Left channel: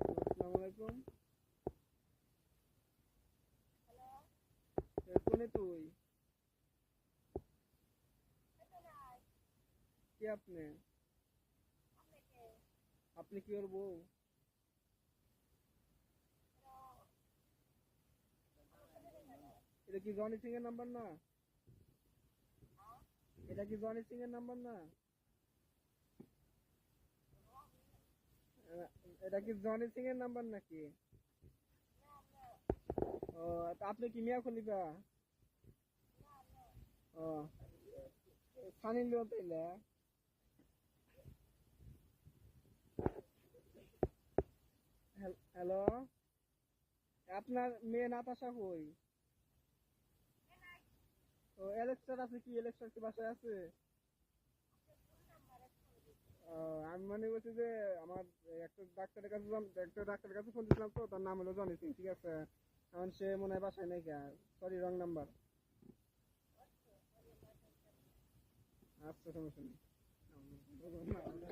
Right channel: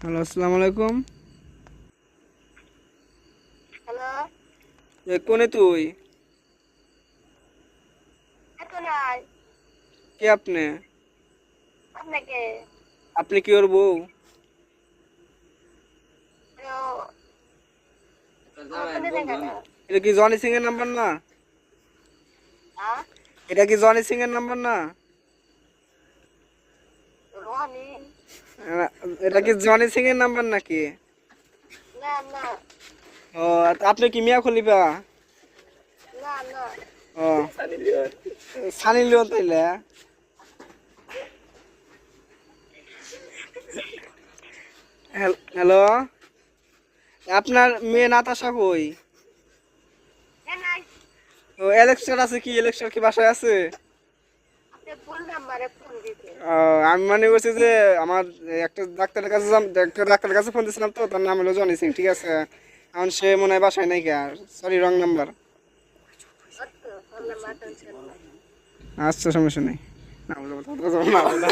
Hello, আসসালামু আলাইকুম। Hello, কোনে তুই? এত নাই কে আপনি? আপনাকে আপনি কি ওর বউ? আমার ফোনে দেখা না। এটা কি জনি সিং এর নাম্বার না? হ্যাঁ, এটা কি জনি সিং এর নাম্বার না? রনি? আহ, এটা কি জনি সিং এর নাম্বার নাকি? না না ও, তা আপনি কি মিয়া খলিফা? না না, ও, সানি লিওন তাইলে। হ্যালো, আপনার মেয়ে নাতাশা কই? এ নাই। ও, এলেক্সন আছে কি? এলেক্সন কি বাসায় আছে? আপনি ভুল নাম্বারে ফোন দিতে। ও, আমি মানে বলছি যে আমার একটা ডাক্তারের কাছে ফোন দিয়েছিলাম, তো তার নাম হলো জনি সিং, ঠিক আছে? এখন সে মনে হয় বাসায় নাই, কে সরি, রং নাম্বার। অত ফোন নাম্বার টেনশন নাই। আচ্ছা, সমস্যা নেই। না বলবো, না বলবো, না বলবো।